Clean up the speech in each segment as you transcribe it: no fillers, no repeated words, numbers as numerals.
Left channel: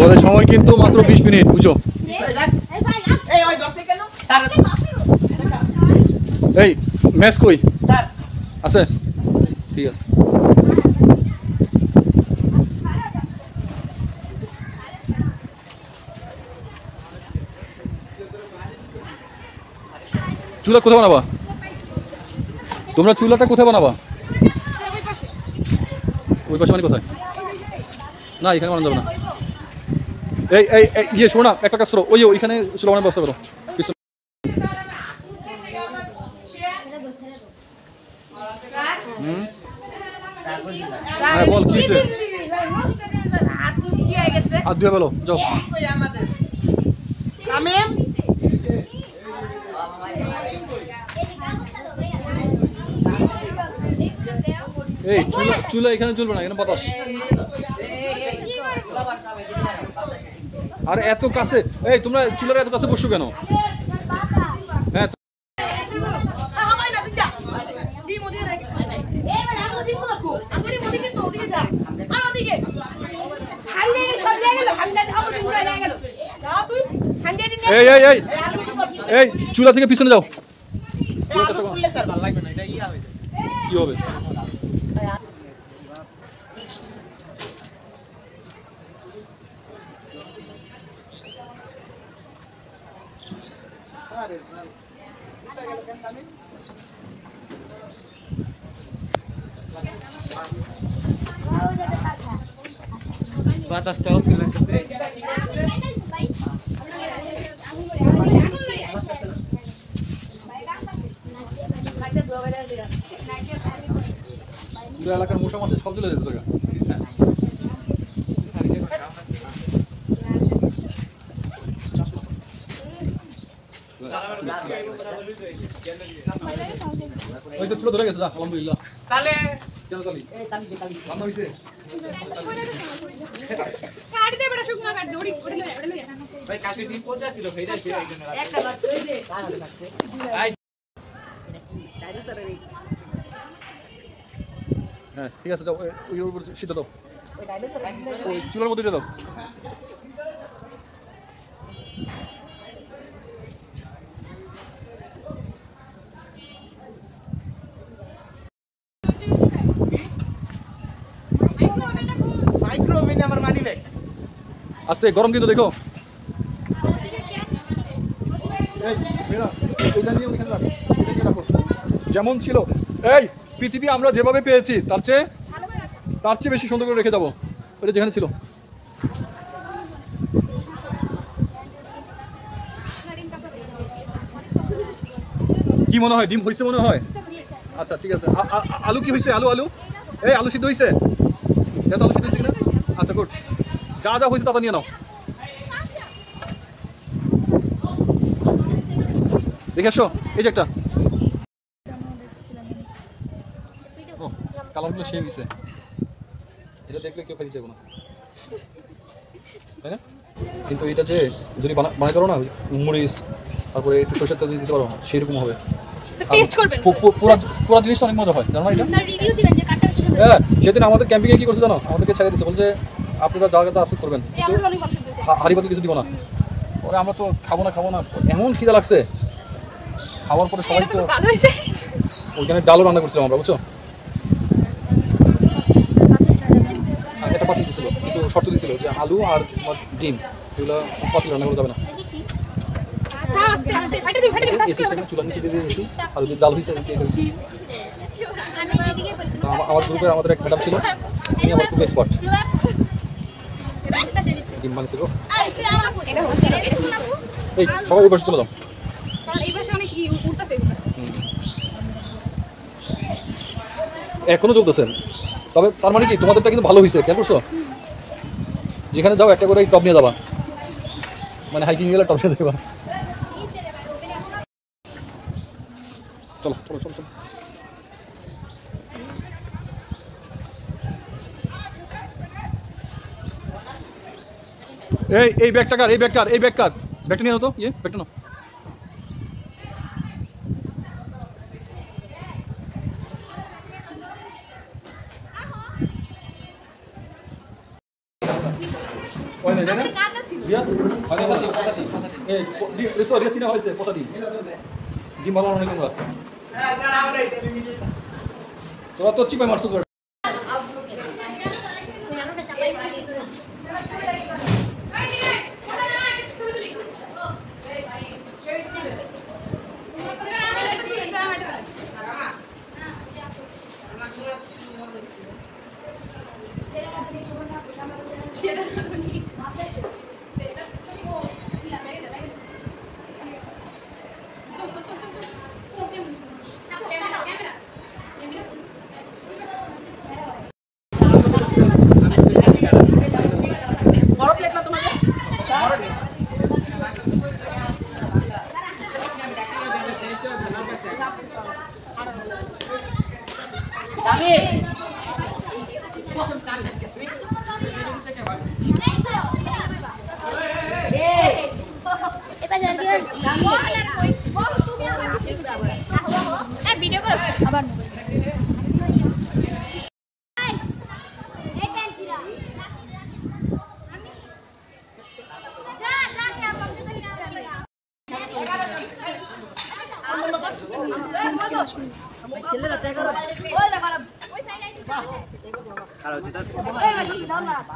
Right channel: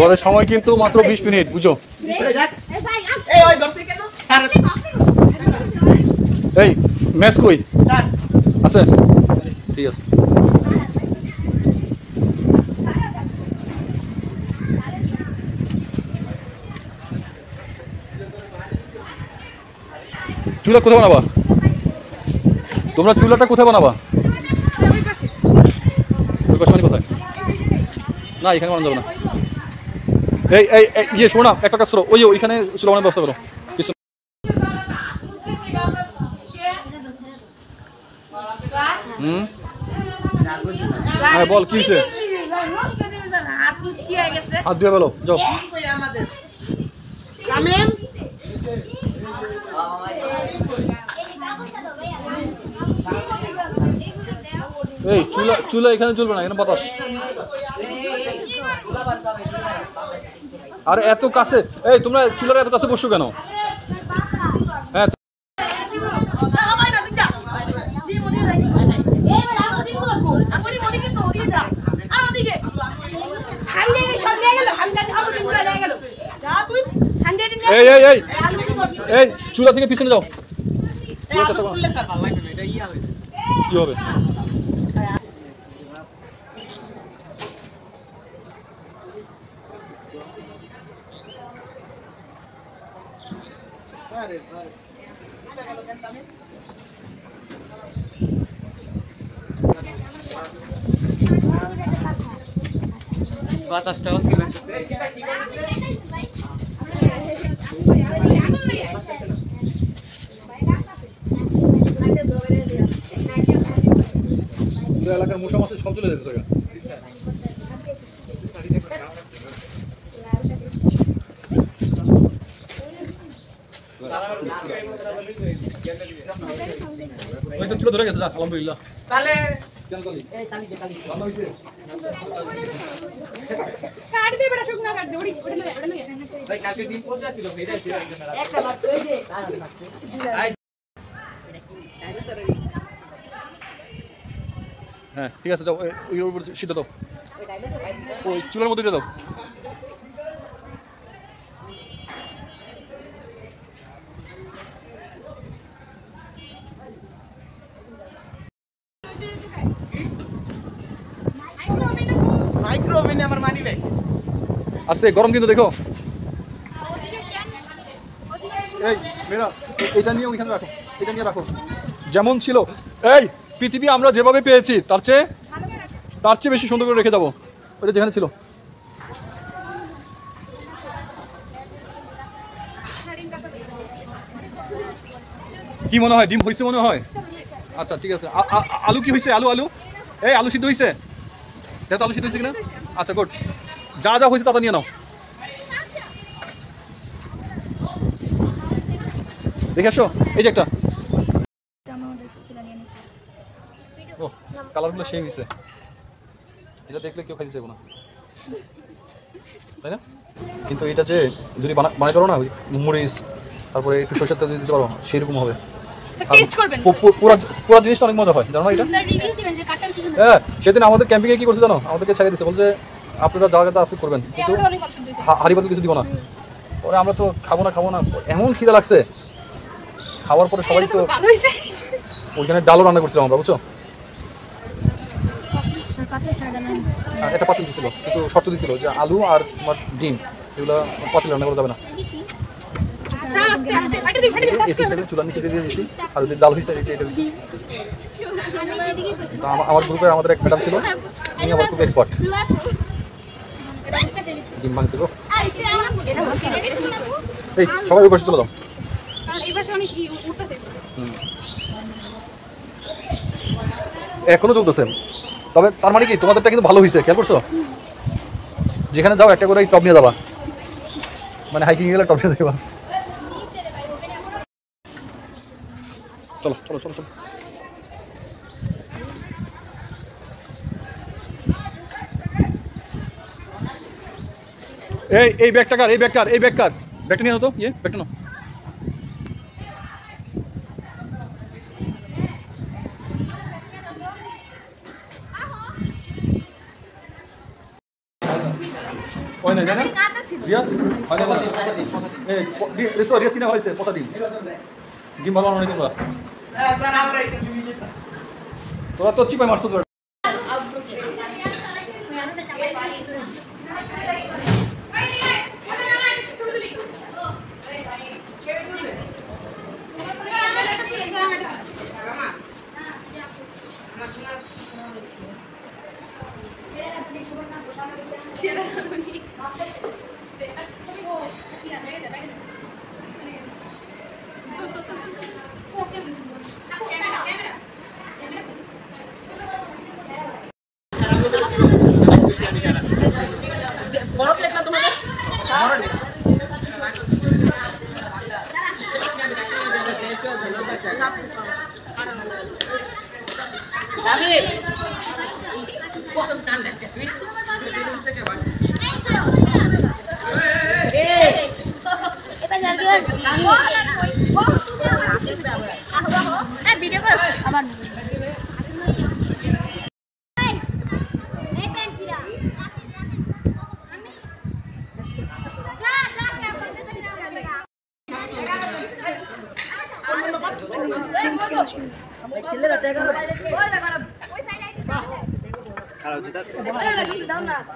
তোমাদের সময় কিন্তু মাত্র 20 মিনিট, বুঝো? এই ম্যাচ কই আছে? ঠিক আছে। চুলা কোথায় বানাবা তোমরা? চুলাটা কোথায় বানাবা? ওই পাশে মানে কোথায়? না এখানে বানানো যাবে না। এই এই ইয়ে শোনো না, একটা কাজ করো, ওই ওইখানে চুলা বানানোর ব্যবস্থা করো। হ্যাঁ বল, কি হয়েছে? হাত দিয়ে বলো, যাও। এই চুলা চুলা এখানে চলবে না, এখানে বাতাস। আরে এত কাছে, এই তোমরা চুলার এত কাছে বসছো কেন? হ্যাঁ এই এই এই এই চুলা থেকে পিছনে যাও। কি হবে? বাতাসটা হচ্ছে লাগতেছে। পুরো এলাকার মশা মাছি সব চলে যেতে জায়গা। ওই তো চুলো ধরে গেছে, যা আলহামদুলিল্লাহ। তাহলে কেন তালি? এই তালি দে, তালি রান্না হইছে। কাট দে বড় শুকনা কাট দে, ওড়ি ওড়ি লয়া ওড়ি লয়া। ভাই কালকে দিন পৌঁছা ছিল, ফেরা ছিল একজন রাত। একটা মাত্র এই যে কাজ লাগছে। এটা কি ডাইনোসরের? হ্যাঁ ঠিক আছে, যাও ওই উপর সিদ্ধ দাও, ওই চুলার মধ্যে দিয়ে দাও। মাইক্রোওভেনে আমার মানি নাই। আস্তে, গরম কিন্তু দেখো। এই মেরা এটা নিয়ে ওইখানে রাখো, এটা নিয়ে রাখো যেমন ছিল। এই পৃথিবী আমরা যেভাবে পেয়েছি তার চেয়ে বেশি সুন্দর করে রেখে যাবো ওটা যেখানে ছিল। কি মনে হয়, ডিম হয়েছে মনে হয়? আচ্ছা ঠিক আছে। আলু কি হয়েছে? আলু আলু এই আলু সিদ্ধ হয়েছে? দেখো আলু সিদ্ধ হয়েছে কিনা। আচ্ছা গুড, যা যা হয়েছে তা নিয়ে নাও। দেখে আসো, এই যে একটা। ও কালারগুলো সেই হয়েছে, এটা দেখলে কেউ খাইতে চাইবো না, তাই না? কিন্তু এটা যে যদি বানাই করো না, মরিচ তারপরে একটু সরষের তেল দিতে পারো, সেরকম হবে। পুরো জিনিসটা অনেক মজা হয়, জানো না এটা? হ্যাঁ সেদিন আমাদের ক্যাম্পিংয়ে কি করছে জানো? আমাদেরকে ছেড়ে দিচ্ছে, বলছে আপনারা জায়গাতে আসে করবেন, কিন্তু হাড়ি পাতিল কিছু দিব না। পরে আমরা তো খাবো না, এমন খিদা লাগছে। খাওয়ার পরে সবাই তো ওইখানে ডালও রান্না করছিলাম আমরা, বুঝছো? একটা পাতিল দিয়েছিল, কিন্তু শর্ত দিয়েছিল যে আলু আর ডিম এগুলো পাতিল রান্না করা যাবে না। চুলা নিচে দিয়ে দিয়েছি, আর যদি ডাল হয়েছে এটা হয়েছে। আমার গ্রুপে আমাদের এক ম্যাডাম ছিল, উনি আবার খুব এক্সপার্ট। ডিম ভাঙছে গো। এই সবাই ওই পাশে চলে যাও। এখনো চলতেছে, তবে তার মানে কি তোমাদেরটা কিন্তু ভালো হয়েছে, খেয়াল করছো? যেখানে যাও একটা করে টপ নিয়ে যাবা, মানে হাইকিং গেলে টপ নিয়ে দেবা। চলো চলো চলো চলো। এই ব্যাগটা কার? ব্যাগটা নিয়ে নাও তো, ব্যাগটা নাও। ওই না জানেন রিয়াজ হয় না এই রিসো রিয়াজ চিনা হইছে পচা ডিম ডিম ভালো অনেক তোমরা তোরা তো চিপাই মারছস ভিডিও করো আবার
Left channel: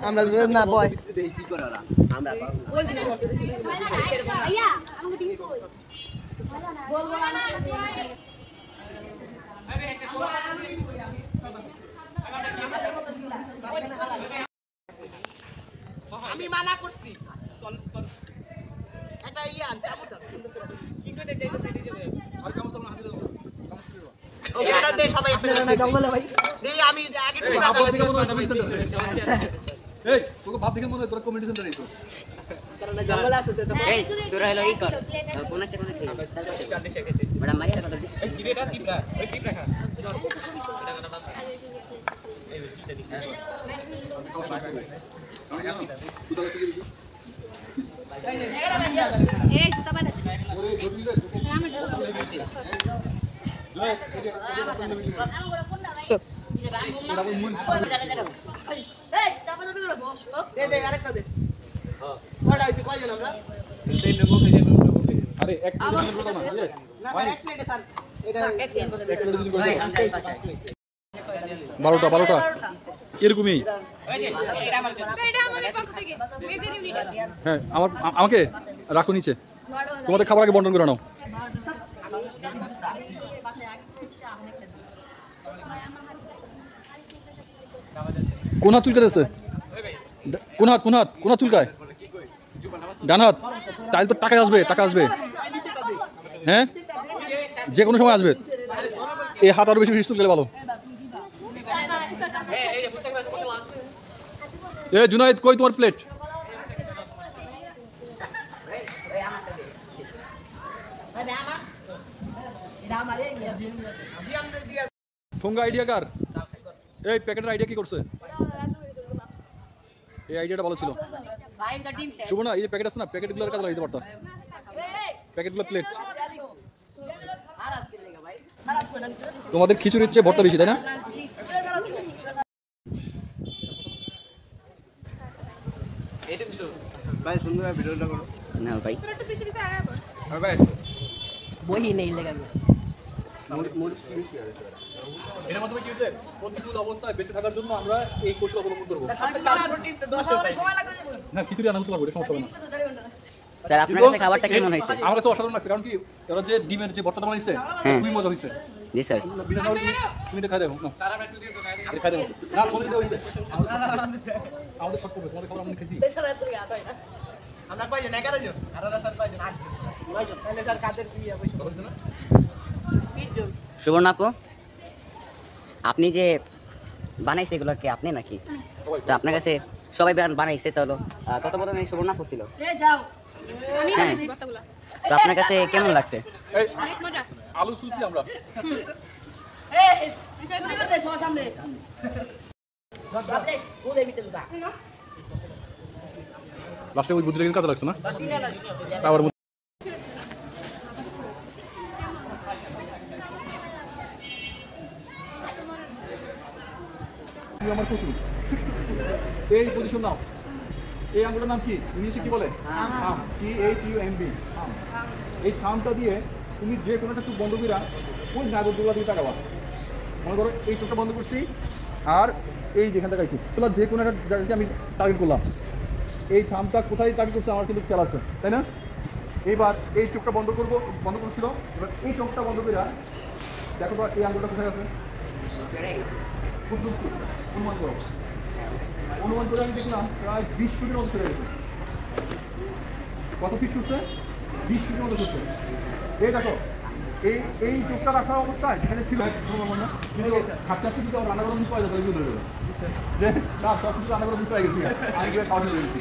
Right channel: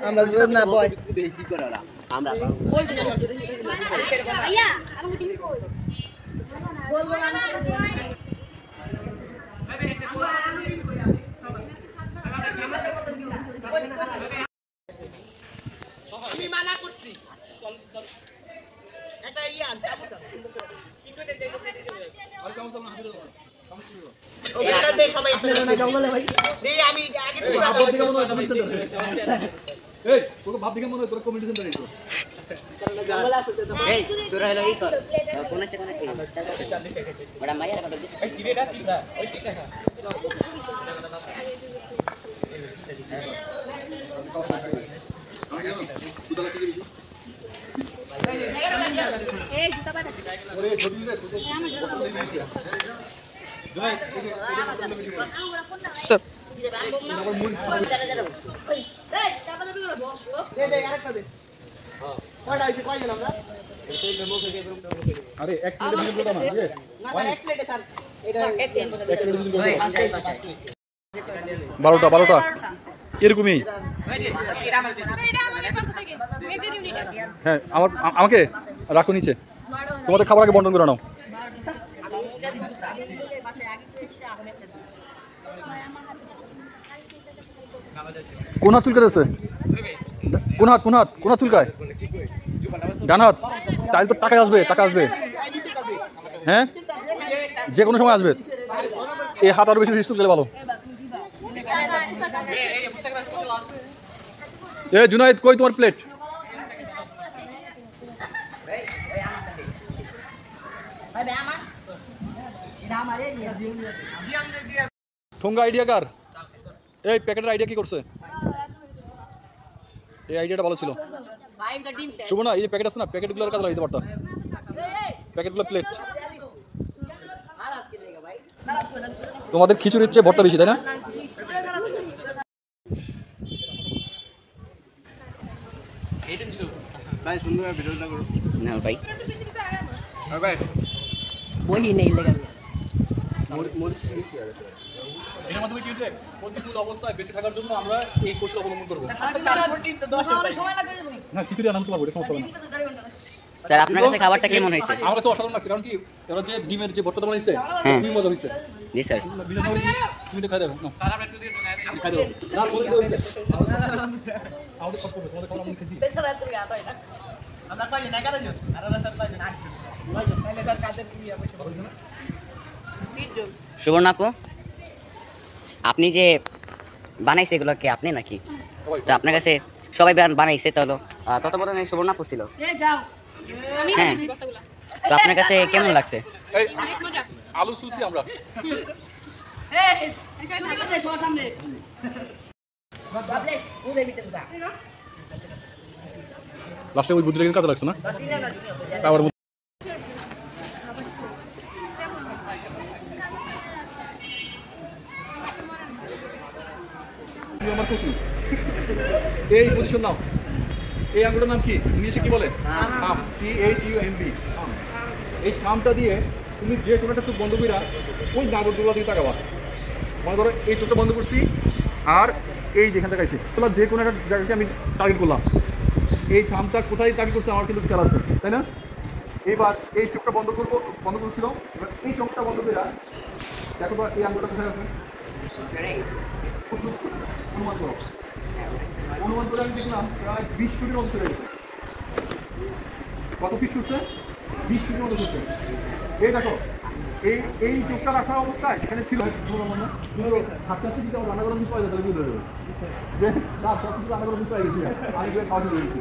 আমরা জোর না বয় কি করে ওরা আমরা ভাইয়া আমাকে টিভি কই বল বল আমি মানা করছি একটা ইয়ান চামচ কি করে দেখতে ওটা দে সবাই জঙ্গলে ভাই দেই আমি আগে এই তোকে ভাব দেখে মনে হয় তোর কমিউনিটি সেন্টারে আইছস জঙ্গলে আছে তো এই তোরা হলো এই কর কোনে চেক কোনে কি বড় মাইয়ার কথা দিছ এই টিরেটা টিপরা ওই টিপ রাখা এই জুতা বাদ ওরে জমি রে তোকে স্যার ডাবল মুড়ি এই চাপা চাপি করে বস দে দে আরেকটা দে হ্যাঁ কয়টা হইছে কয়জন আমরা আরে এক প্লেট দিলে বলো না বুঝলে না স্যার এক প্লেটে স্যার এটা এক এক প্লেট দিলে 12টা এরকমই হ্যাঁ আমাকে রাখো নিচে তোমাদের খাবার আগে বন্টন করে নাও কোন হাত চুলকাতেছে কোন হাত চুলকায় ডান হাত তাহলে তো টাকা আসবে হ্যাঁ যে কোনো সময় আসবে এই হাত আরো বেশি চুলকালে ভালো এ জুনাইদ কই তোমার প্লেট ঠোঙ্গা আইডিয়া কার এই প্যাকেটের আইডিয়া কি করছে এই আইডিয়াটা ভালো ছিল শুভ না এই যে প্যাকেট আছে না প্যাকেটগুলোর কাজে লাগাইতে পারতো প্যাকেটগুলো প্লেট তোমাদের খিচুড়ির চেয়ে ভর্তা বেশি তাই না ভাই সুন্দর ভিডিওটা করো না ভাই আর ভাই বই নেই লাগা এর মাধ্যমে কি হচ্ছে প্রতিকূল অবস্থায় বেঁচে থাকার জন্য আমরা এই কৌশল অবলম্বন করবো না খিচুড়ি আনাম তোমার সমস্যা হবে না স্যার আপনার কাছে খাবারটা কেমন হয়েছে আমার কাছে অসাধারণ লাগছে কারণ কি এরা যে ডিমের যে ভর্তা বানাইছে খুবই মজা হয়েছে জি স্যার তুমি তো খাই দেখো না স্যার আমরা একটু দিয়ে খাই দেখো না বলতে হয়েছে আমাদের সব করবে তোমাদের খাবার আমরা খেয়েছি আমরা কয়জন 11 জন আর ওরা স্যার কয়জন 8 জন 9 জন তাহলে স্যার কাদের কি অবশ্য বলছেন না 20 জন সুবর্ণ আপু আপনি যে বানাইছে এগুলোকে আপনি নাকি তো আপনার কাছে সবাই বানাইছে তাহলে তত্ত্বাবধানে সুবর্ণ আপু ছিল হ্যাঁ তো আপনার কাছে কেমন লাগছে আলু সুলছি আমরা লাস্টে ওই বুদ্ধিটা কিন্তু কাজে লাগছে না আবার আমার খুশি এই পজিশন নাও এই আঙ্গুলটার নাম কি ইংলিশে কি বলে থাম THUMB থাম এই থামটা দিয়ে তুমি যে কোনো একটা চোখ বন্ধ কইরা ওই নাগরদোলা দিকে তাকাবা মনে করো এই চোখটা বন্ধ করছি আর এই যেখান থেকে আইছি তোলা যে কোনো একটা জায়গাকে আমি টার্গেট করলাম এই থামটা কোথায় টার্গেট করছে আমার কিন্তু খেয়াল আছে তাই না এইবার এই চোখটা বন্ধ করছিল এবার এই চোখটা বন্ধ কইরা দেখো তো এই আঙ্গুলটা কোথায় আছে অনুমান করো অনুমান করে আমি দেখলাম প্রায় 20 ফুটের মতো চলে গেছে কত ফিট ছুটছে 20 ফুটের মতো ছুটছে এই দেখো এই চোখটা রাখা অবস্থায় যেখানে ছিল কিন্তু থাকতে আসতে কিন্তু রান্না করার বিষয় আছে বুঝতে হবে যে না সব কিছু রান্না করার বিষয় গেছি আমি গিয়ে পাশে গেছি